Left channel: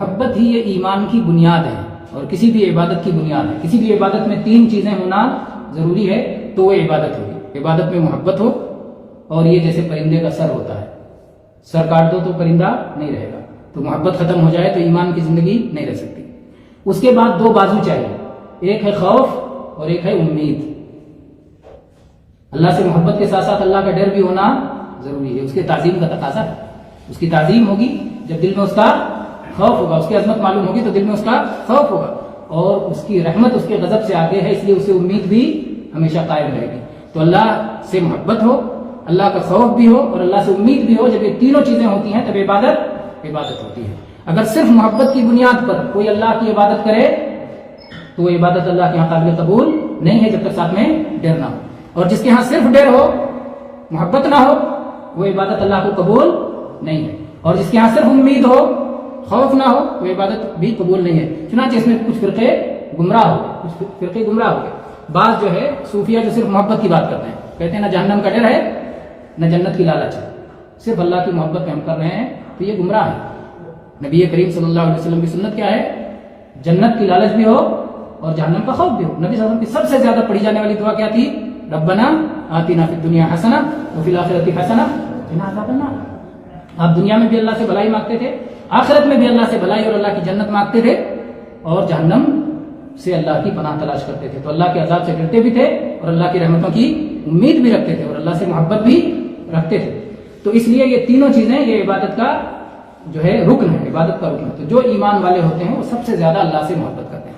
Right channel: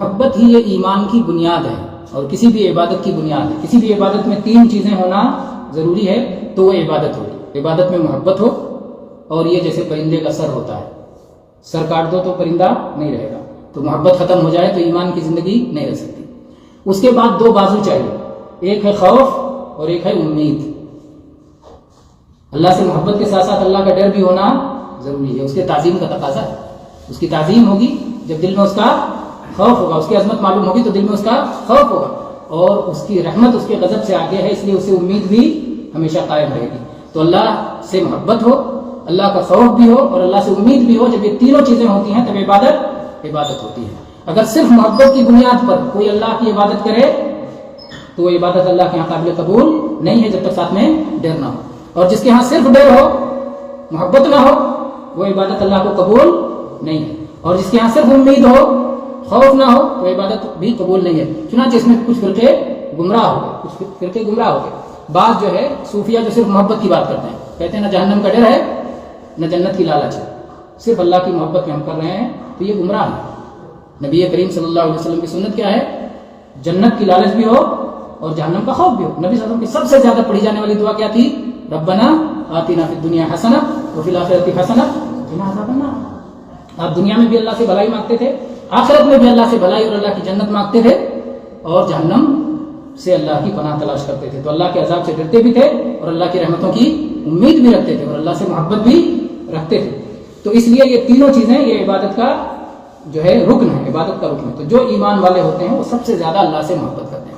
محبت ہی یہ ایمان کی بنیاد ہے اور کسی بھی عبادت کی بنیاد ہے. کسی بھی عبادت میں 3 چیزیں ہونا ضروری ہے تو وہ عبادت ہوگی. عبادت میں محبت ہو, اور یہ جیسے پرندے کا سر ہوتا ہے, سر کاٹ دو تو پرندہ نہیں رہے گا, تو محبت ختم ہو جائے تو ایمان کی زندگی نہیں رہ سکتی. اس کے بعد 2 بازو چاہیے, ایک ہے خوف اور ایک ہے امید. اللہ سے محبت کے ساتھ ساتھ اللہ کا ڈر بھی ہونا ضروری ہے. اس کے تعظیم کا تقاضا ہے. اس کی تعظیم ہوگی جب دل میں اس کا خوف ہوگا, اس کی عظمت معلوم ہوگی تو دل میں اس کا خوف ہوگا, اور اس کی رحمت اس کے غضب سے آگے ہے, اس لیے اسے امید بھی ہمیشہ قائم رہے گی. تو اللہ سے محبت ہو, اللہ کا خوف بھی ہو اور اللہ سے امید بھی ہو. جب یہ تینوں چیزیں ہوتی ہیں تب عبادت ہوتی ہے. اگر صرف محبت کی بنیاد پر کوئی اللہ کی عبادت کرے تو وہ عبادت اللہ کے یہاں قابل قبول نہیں ہے, جب تک ساتھ میں ڈر نہ ہو. اور جس کے ہاں صرف ڈر ہو, محبت نہ ہو, وہ عبادت اللہ کو قبول نہیں ہے. اور جس کے ہاں صرف امید ہو, خوف نہ ہو, تو عبادت بھی قبول نہیں ہے. چنانچہ اس میں کچھ فرقے گمراہ ہو گئے. بعض جو ہے صوفیہ جو صرف محبت کی بات کرتے ہیں, کہتے ہیں نہ جہنم کا ڈر ہے نہ جنت کی لالچ ہے, صرف اللہ کی محبت میں ہم کر رہے ہیں, تو یہ گمراہ ہے. نبی کریم صلی اللہ علیہ وسلم کی سنت کیا ہے؟ جنت کی لالچ بھی ہو اور جہنم کا خوف بھی ہو. نبی صلی اللہ علیہ وسلم کی سب سے زیادہ پڑھی جانے والی دعا کیا تھی؟ ربنا آتنا فی الدنیا حسنہ وفی الآخرۃ حسنہ وقنا عذاب النار. آپ دنیا میں بھی اللہ سے بھلائی مانگتے تھے, آخرت میں بھی اللہ سے بھلائی اور اللہ کی جنت مانگتے تھے, اور جہنم سے اللہ کی پناہ تلاش کرتے تھے. تو اللہ کے عذاب سے ڈرتے بھی تھے اور اللہ کی رحمتوں کی امید بھی رکھتے تھے, اور اللہ سے محبت بھی رکھتے تھے. تو اس لیے یہ تینوں چیزیں یہ عبادت کا جو ہے رکن ہے, عبادت کا رکن ہے. تو جو ایمان والے ہوتے ہیں وہ سب سے زیادہ اللہ سے محبت کرتے ہیں.